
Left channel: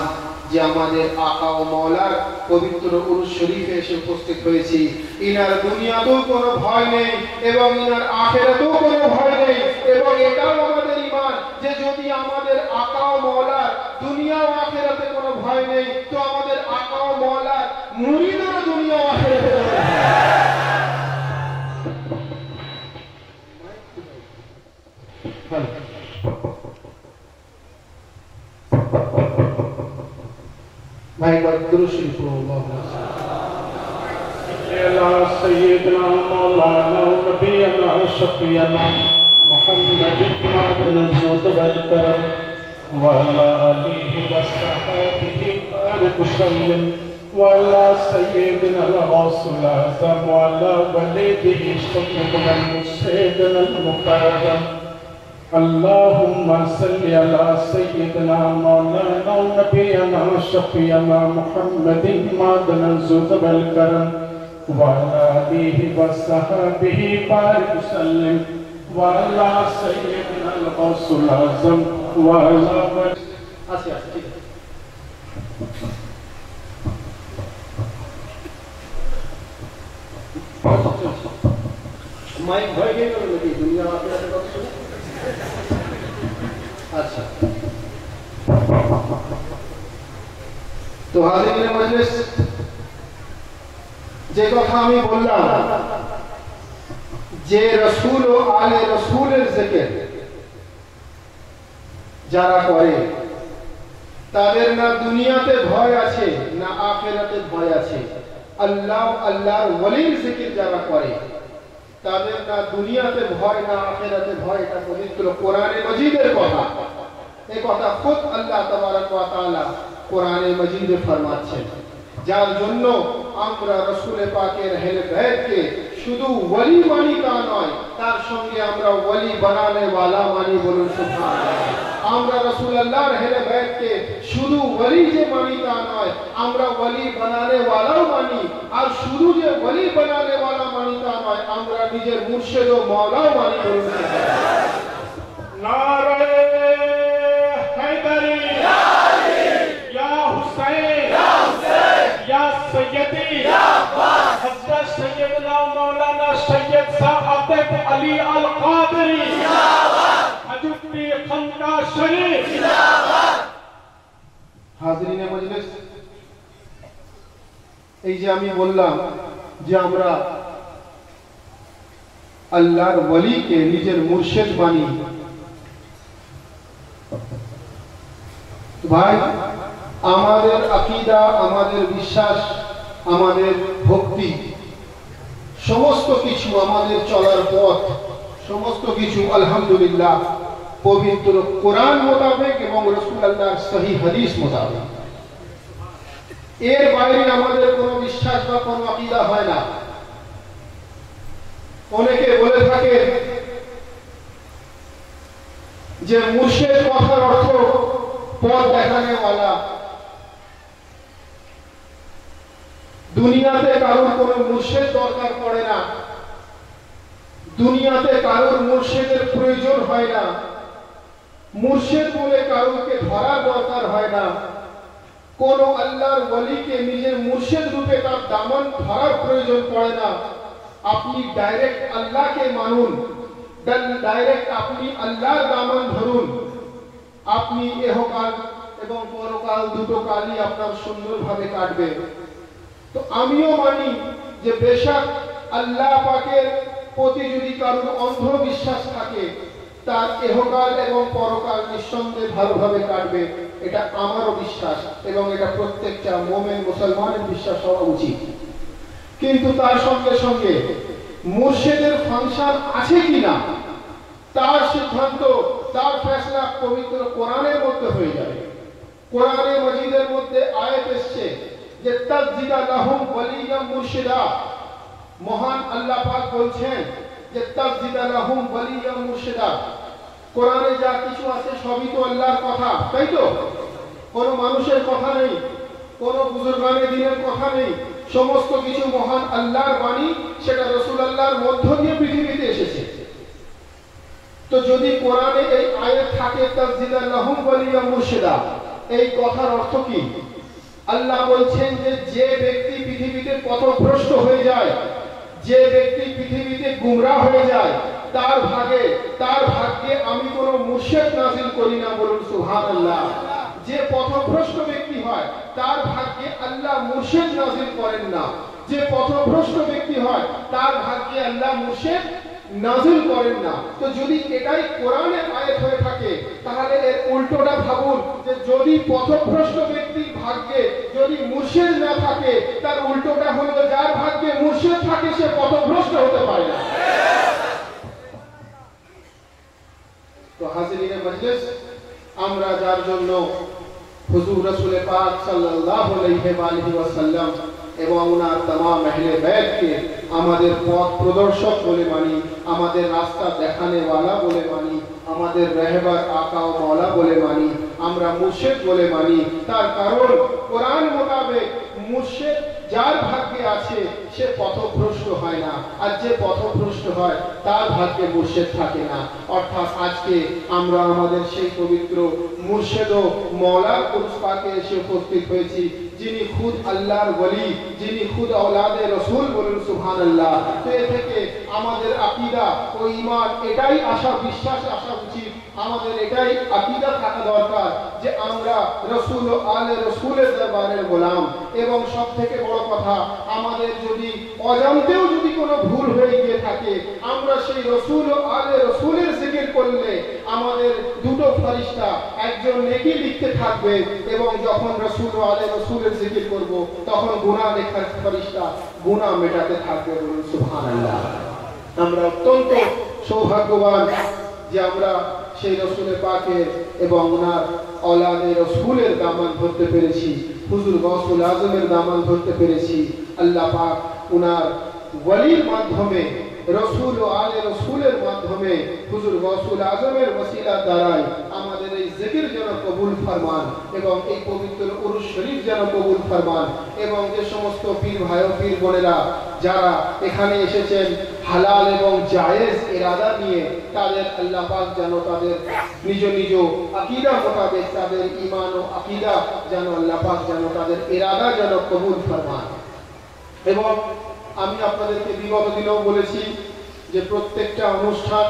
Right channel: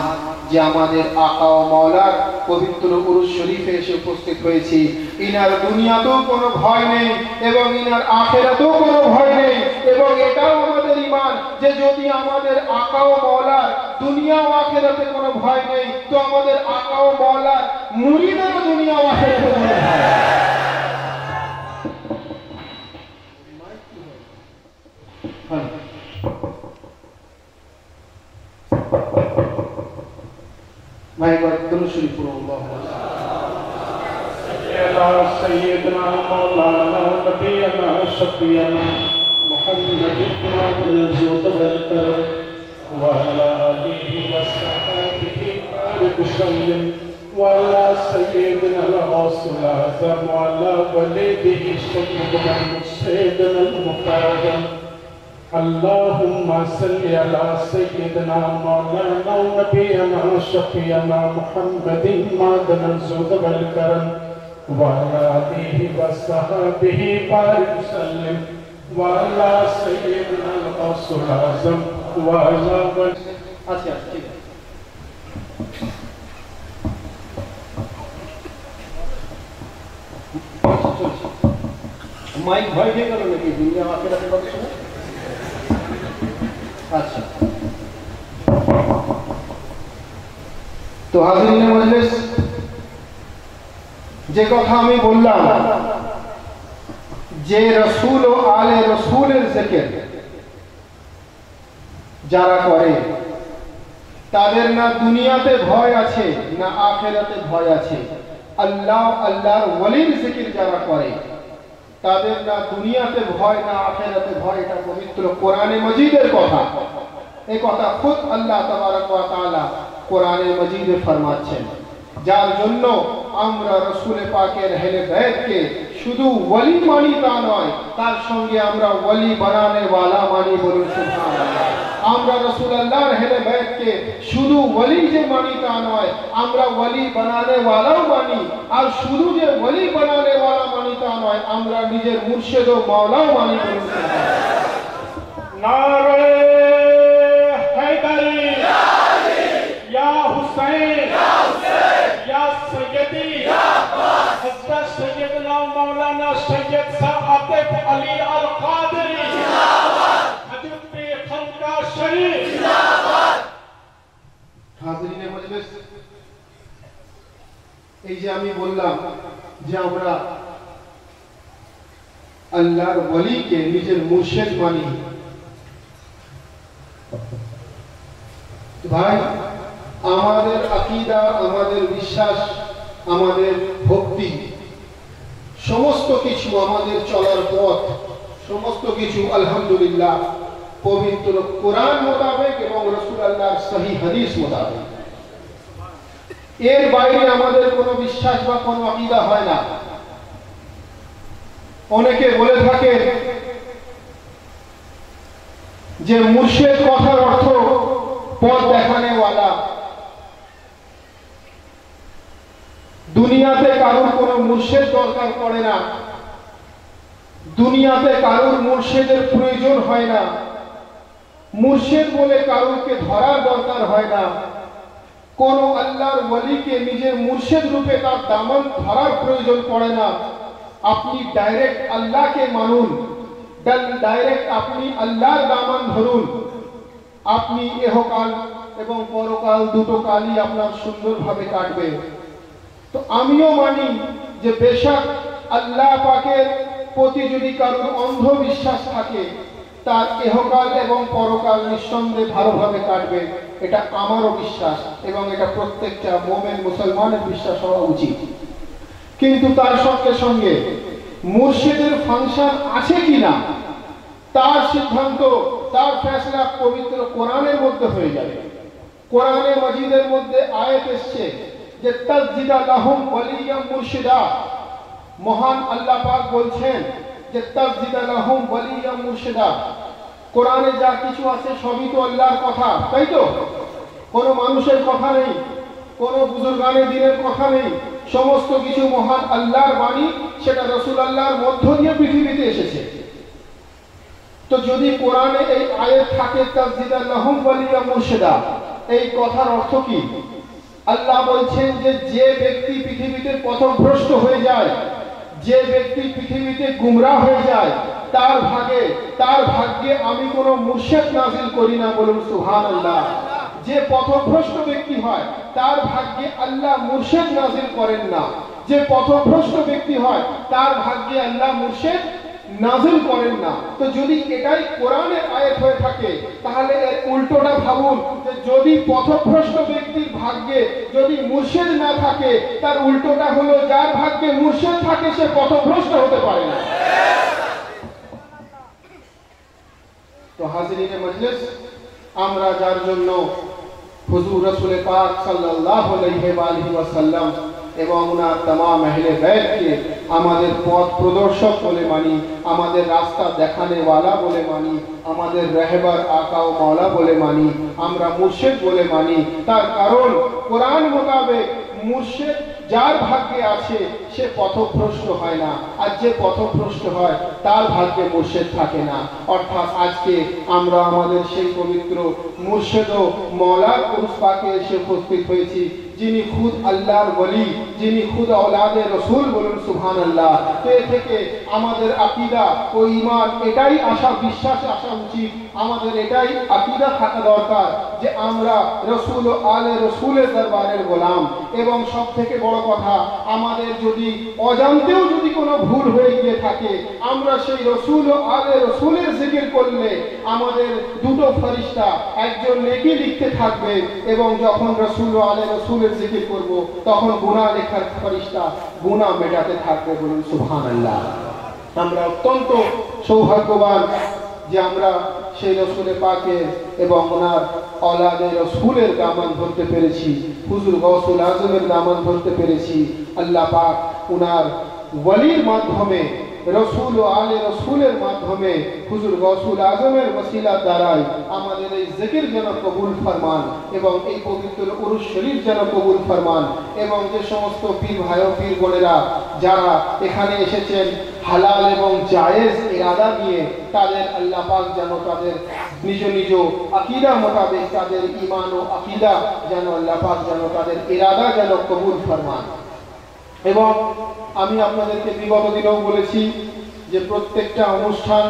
যে আমাদের আকা ও মাওলার পবিত্র উরুস শরীফে এসে উপস্থিত হয়েছি, ইনার দুনিয়াতেও কোনো ভয় নেই এবং ইনার আখিরাতেও কোনো ভয় নেই। এবং এটাও আমাদের ঈমান যে যদি আমাদের আকা ও মাওলার দুনিয়া ও আখিরাতে কোনো ভয় নেই, তো আমাদের আকা ও মাওলার মুরিদের দুনিয়া ও আখিরাতে কোনো ভয় নেই। سيدنا مولانا نبينا شفيعنا محمد بن الجود والكرم وعلى آله وصحبه وبارك وسلم وعلى سيدنا الغوث الأعظم وعلى ولده سيدنا سيدنا المكرم. اللهم صل على سيدنا مولانا ونبينا شفيعنا محمد معدن الجود والكرم وعلى آله وصحبه بارك وسلم وعلى سيدنا الغوث الأعظم وعلى মাইক ভয় খেয়ে গেল নাকি? দুনিয়া আখিরাতের কথা শুনে। আচ্ছা, তো হাজিরিনে মজলিস, যে কথা আমি বললাম যে রাসূল ও আলে রাসূলের জিকির যারা করে তাদের না দুনিয়াতে ভয় আছে না আখিরাতে ভয় আছে। আল্লাহ আল্লাহর ওলির জিকির যারা করে তাদের না দুনিয়াতে ভয় না আখিরাতে ভয়। এটা পবিত্র কোরআনে মজিদের কথা। এই কথা খুদ আল্লাহ তাবারক ওয়া তাআলা কোরআনে মজিদে ফরমাচ্ছেন, যার জন্য আমরা রাসূল পাকের আহলে বাইতকে শুধু ওয়ালি মানি তা নয়, তার সঙ্গে আমরা ওয়ালি বানানে ওয়ালা মানি। বলুন সুবহানাল্লাহ। আমরা রাসূলুল্লাহর আহলে বাইতকে শুধু ওয়ালি যে মানি তা নয়, আমরা ওয়ালি বানানে ওয়ালাও মানি। আর শুধু যে ওয়ালি বানানে ওয়ালা মানি তা নয়, আমরা নিজের মুর্শিদ ও মাওলাও মানি। বলুন সুবহানাল্লাহ। নারে हैदरी या अली या हुसैन या हुसैन या सैयदी या अब्बास हज़रत सैयदना मौलाना सैयद सादिक अली अल कादरी जिंदाबाद हजूरी खनका शरीफ जिंदाबाद। হাজরিনে মজলিস, এই যে আমি বললাম যে আমরা আল্লাহর ওয়ালিকে নিজের মুর্শিদ মানি, ভাই আমাদের আকীদা, আমাদের বিশ্বাস, আমাদের ভক্তি, সমস্ত কিছু আমাদের চলার পথ, সমস্ত কিছু আলহামদুলিল্লাহ পবিত্র কোরআন মোতাবেক এবং রাসূলুল্লাহর সহিহ হাদিস মোতাবেক। এর বাইরে আমাদের কোনো বিশ্বাস বা কোনো আকীদা হয় না। অনেকে বলে থাকে যে মুর্শিদ কথার অর্থ পথ দেখানেওয়ালা। দুনিয়াতে কারোর কোনো মুর্শিদ দরকার পড়ে না, দুনিয়াতে কারোর মুর্শিদের প্রয়োজন হয় না, মুর্শিদ বলে কারোকে ধরার দরকার হয় না। কোন আল্লাহর ওয়ালিকে নিজের মুর্শিদ রূপে তার দামান ধরার প্রয়োজন পড়ে না। আপনি ডাইরেক্ট আল্লাহকে মানুন, ডাইরেক্ট আপনি আল্লাহর দামান ধরুন, আপনি ইহকাল এবং পরকাল দুটো কালই আপনার সুন্দরভাবে কাটবে। তো আমিও মানি যে বেশক আল্লাহ পাকের প্রতি যদি কারোর অন্ধ বিশ্বাস থাকে, তার ইহকাল এবং পরকাল নিঃসন্দেহে ভালোভাবে কাটবে। এটা আমারও বিশ্বাস এবং এটা প্রত্যেকটা মুমিন মুসলমানের বিশ্বাস হওয়া উচিত। কিন্তু তার সঙ্গে সঙ্গে মুর্শিদের ফাংশন আছে কিনা তার সিদ্ধান্ত, তার ফয়সালা পবিত্র কোরআনের মধ্যে হয়ে যাবে। কোরআনে মাজিদের মধ্যে আয়াত এসেছে যে তাসজিদা লাহুম ওয়ালিয়াম মুর্শিদা। মহান আল্লাহ পাক বলছেন যে তাসজিদা লাহুম ওয়ালিয়াম মুর্শিদা। কোরআনে যা কিছু আছে সবই তো আল্লাহর কথা, তাই তো? কোনো মানুষের কথা নেই, কোনো বুজুর্গানে দিনের কথা নেই, সমস্ত কিছু মহান আল্লাহর বাণী, সেটা রাসূলুল্লাহর মধ্য দিয়ে পৃথিবীতে এসেছে। তো যদি কোরআনে এই আয়াত থাকে তাসজিদা লাহুম ওয়ালিয়াম মুর্শিদা, এই কথার অর্থ কি? আল্লাহ বলছেন যে যে ব্যক্তি পৃথিবীতে পথভ্রষ্ট হয়ে যায়, যে ব্যক্তি পৃথিবীতে গুমরাহ হয়ে যায়, তার ভাগ্যে আমি কোনো মুর্শিদ নাযিল করি না। বলুন সুবহানাল্লাহ। যে পথভ্রষ্ট ব্যক্তি হয় তার ভাগ্যে আল্লাহ মুর্শিদ নাযিল করেন না। যে পথভ্রষ্ট ব্যক্তি হয় তার ভাগ্যে আল্লাহ মুর্শিদ নাযিল করেন না। তো যদি এটাই কোরআনের আয়াত হয়ে থাকে, তাহলে এর উল্টোটা ভাবুন যে যদি পথভ্রষ্ট ব্যক্তির ভাগ্যে যদি মুর্শিদ না থাকে, তার উল্টোটা হলো যার ভাগ্যে মুর্শিদ থাকে সে পথভ্রষ্ট হতে পারে না। তো হাজিরিনে মজলিস, আমরা যার জন্য হুজুর রাসূল পাক সাল্লাল্লাহু আলাইহি ওয়াসাল্লাম এবং ওনার तमाम আহলে বাইতকে আমাদের পথ প্রদর্শক বলে মানি, আমাদের রাস্তা দেখানেওয়ালা বলে মানি, আমাদের রাহবার আকা ও মাওলা বলে মানি, আমরা মুর্শিদ বলে মানি, তার কারণ কোরআন মোতাবেক মুর্শিদ যার ভাগ্যে আছে সে পথভ্রষ্ট হয় না, আর যে পথভ্রষ্ট হয় তার ভাগ্যে মুর্শিদ থাকে না। অর্থাৎ আজকে আমরা আমাদের সেই পবিত্র মুর্শিদ ও মাওলার উরুস পাকে এসে উপস্থিত হয়েছি, যিনি খুদ আল্লাহর ওয়ালি, যিনি খুদ আওলাদে রাসূল। বলুন সুবহানাল্লাহ। তো এ থেকে আমাদের আকীদা ও ঈমান এটাই বিশ্বাস আসা উচিত, আমাদের এটাই আকীদা থাকা দরকার যে আমরা রাসূল ও আলে রাসূলের দরবারের গোলাম। এবং সবথেকে বড় কথা, আমাদের যদি অজান্তেও যদি কোনো ভুল হয়ে গিয়ে থাকে, আমরা সেই রাসূল ও আলে রাসূলের জিকির করলে আমাদের দুটো ফেরেশতা একজন নেকি লিখতে থাকবে, এবং যখন রাসূল ও আলে রাসূলের জিকির করব তখন গুনাহ লেখার ফেরেশতা গুনাহ মেটাতে থাকবে। বলুন সুবহানাল্লাহ। আমরা অত্যন্ত সৌভাগ্যবান যে আমরা সেই রাসূল পাকের এবং ওনার আওলাদে রাসূলের দামান ধরতে পেরেছি, হুজুর গাউসুল আজমের দামান ধরতে পেরেছি। আল্লাহ পাক ওনার ওয়ালির মাধ্যমে, রসুল ও আলে রসুলের মাধ্যমে হুজুর গৌসুল আজমের ওসিলার দ্বারাই আমাদের এই জিকির যেন কবুল ফরমান এবং এই পবিত্র উরুস শরীফ যেন কবুল ফরমান এবং যে সমস্ত পীর ভাই ও পীর বোনেরা যারা এখানে এসেছেন হালাল এবং জায়েজ ইরাদা নিয়ে, তাদের আল্লাহ পাক যেন তাদের নিজ নিজ আকীদা মোতাবেক তাদের ঈমান ও আকীদা যেন আল্লাহ পাক যেন তাদের ইরাদা যেন কবুল ফরমান। এবং আমি আপনাদেরকে বিগত দিনেও বলেছি যে প্রত্যেকটা অনুষ্ঠান,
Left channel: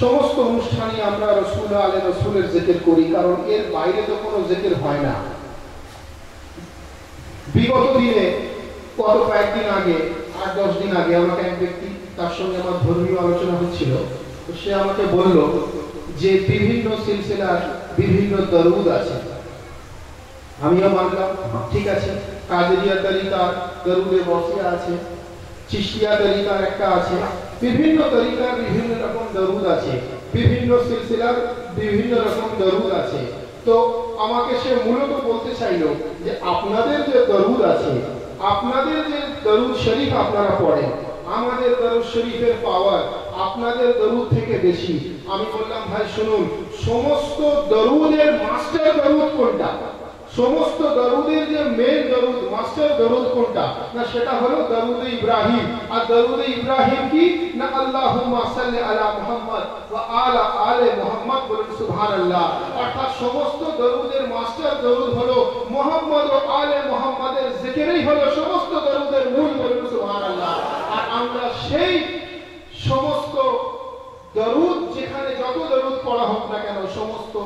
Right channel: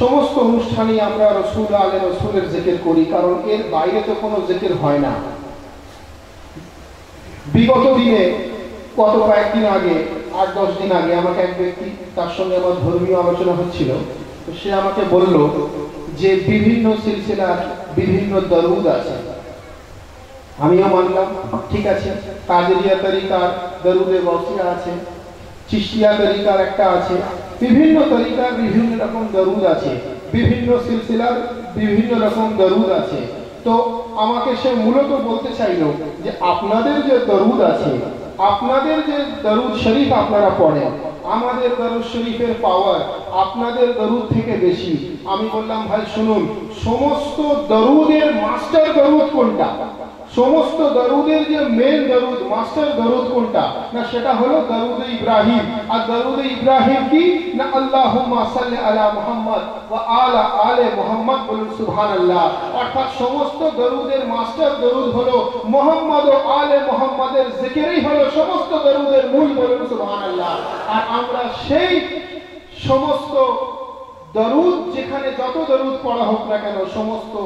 সমস্ত অনুষ্ঠানই আমরা রসুল আলে রসুলের জিকির করি, কারণ এর বাইরে তো কোনো জিকির হয় না। বিগত দিনে কয়েকদিন আগে, 8-10 দিন আগে আমাকে এক ব্যক্তি, তার সঙ্গে আমার ধর্মীয় আলোচনা হচ্ছিল, সে আমাকে বলল যে বিভিন্ন সিলসিলার বিভিন্ন দরুদ আছে। আমিও মানলাম, ঠিক আছে, কাদেরিয়া তরিকার দরুদে গৌসিয়া আছে, চিশতিয়া তরিকার একটা আছে, বিভিন্ন তরিকার বিভিন্ন রকম দরুদ আছে, বিভিন্ন সিলসিলার বিভিন্ন রকম দরুদ আছে। তো আমাকে সে মূলত বলতে চাইলো যে আপনাদের যে দরুদ আছে, আপনাদের যে দরুদ শরীফ আপনারা পড়েন, আমাদের দরুদ শরীফের পাওয়ার আপনাদের দরুদ থেকে বেশি। আমি বললাম, ভাই শুনুন, সমস্ত দরুদের মাস্টার দরুদ কোনটা? সমস্ত দরুদের যে মেন দরুদ, মাস্টার দরুদ কোনটা? না সেটা হলো দরুদ ইব্রাহিম। আর দরুদ ইব্রাহিম কি না আল্লাহুম্মা সাল্লি আলা মুহাম্মদ ওয়া আলা আলে মুহাম্মদ, বলুন সুবহানাল্লাহ। অর্থাৎ সমস্ত দরুদের মাস্টার দরুদ হলো মুহাম্মদ ও আলে মুহাম্মাদের জিকিরই হলো সমস্ত দরুদের মূল, বলুন সুবহানাল্লাহ। আর আমরা সেই সমস্ত দরুদ, যেখানে যত দরুদ পড়া হোক না কেন, সমস্ত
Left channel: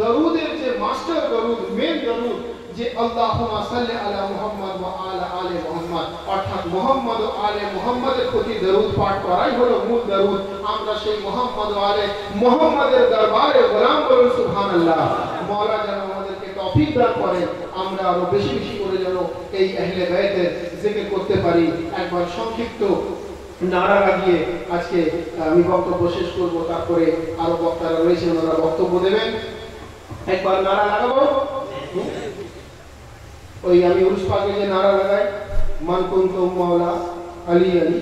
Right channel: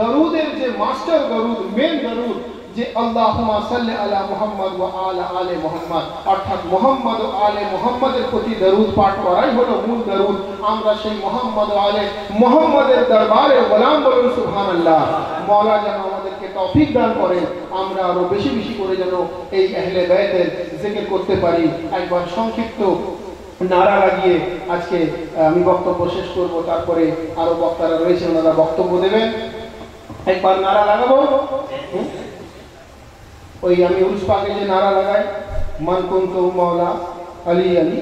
দরুদের যে মাস্টার দরুদ, মেন দরুদ, যে আল্লাহুম্মা সাল্লি আলা মুহাম্মদ ওয়া আলা আলে মুহাম্মদ, অর্থাৎ মুহাম্মদ ও আলে মুহাম্মাদের প্রতি দরুদ পাঠ করাই হলো মূল দরুদ। আমরা সেই মুহাম্মদ ও আলে মুহাম্মাদের দরবারে গোলাম, বলুন সুবহানাল্লাহ। মওলা যেন আমাদেরকে তৌফিক দান করেন, আমরা আরো বেশি বেশি করে যেন এই আহলে বাইতের জিকির করতে পারি। একবার সংক্ষিপ্ত নারা লাগিয়ে আজকে আমি বক্তব্য শেষ করব, তারপরে আরো বক্তারা রয়েছে, ওনারা বক্তব্য দেবেন। একবার নারা লাগাবো, ওই আমি উরুস পাকে যে নারা লাগাই, মান কুনতু মাওলা আলী আলী,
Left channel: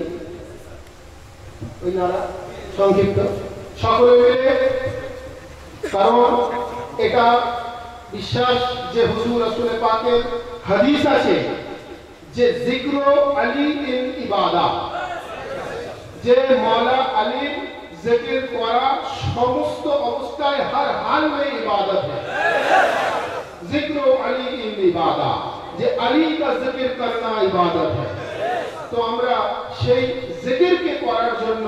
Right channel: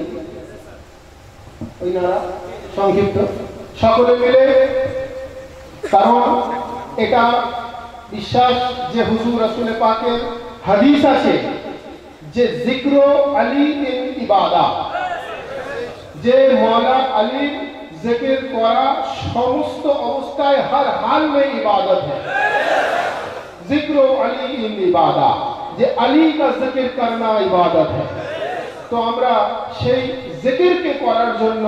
ওই নারা সংক্ষিপ্ত সকলে মিলে। কারণ এটা বিশ্বাস যে হুজুর রাসূল পাকের হাদিস আছে যে জিক্র আলী ইন ইবাদা, যে মাওলা আলীর जिक्र करा समस्त अवस्थाय हर हाल में इबादत है। जिक्र अली इन इबादा, जे अली का जिक्र करना इबादत है। तो আমরা সেই জিকিরকে করার জন্য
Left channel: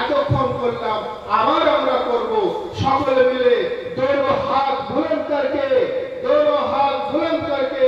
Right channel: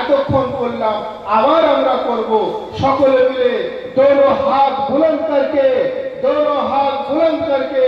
এতক্ষণ করলাম, আবার আমরা করব সকলে মিলে। दोनों हाथ बुलंद करके, दोनों हाथ बुलंद करके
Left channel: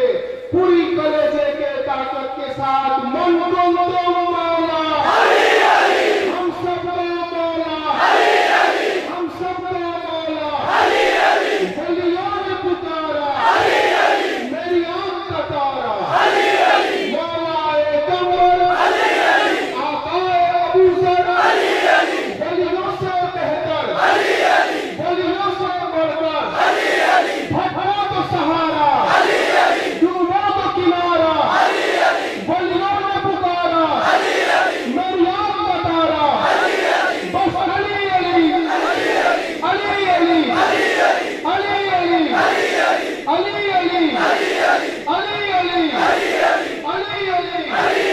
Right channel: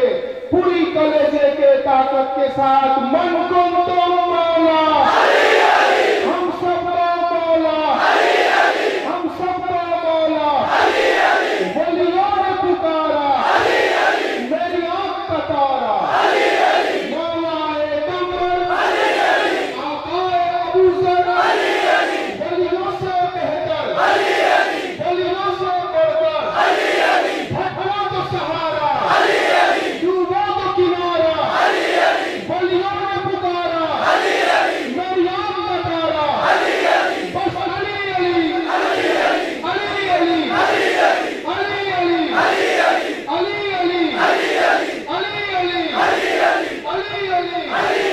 पूरी कलेजे के ताकत के साथ मन को दोनों मौला अली अली, हम सब मौला अली अली, हम सब मौला अली अली, वलियों ने पुकारा अली अली, मेरी आंख का तारा अली अली, मौलाए कमर अली अली, आकाए अबू जर अली अली, वलियों से बेहतर अली अली, वलियों से बढ़कर अली अली, भटका तो सहारा अली अली, डूबा तो किनारा अली अली, वलियों ने पुकारा अली अली, मेरी आंख का तारा अली अली, बस अली अली अली अली, अली अली अली अली, अली अली अली अली, अली अली अली अली, अली अली अली अली, अली अली अली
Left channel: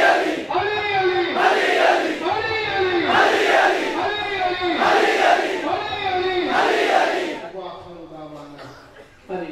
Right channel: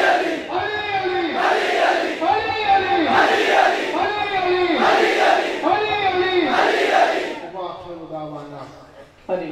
अली, अली अली अली अली, अली अली अली अली, अली अली अली अली, अली अली अली अली। वाह दावाना अली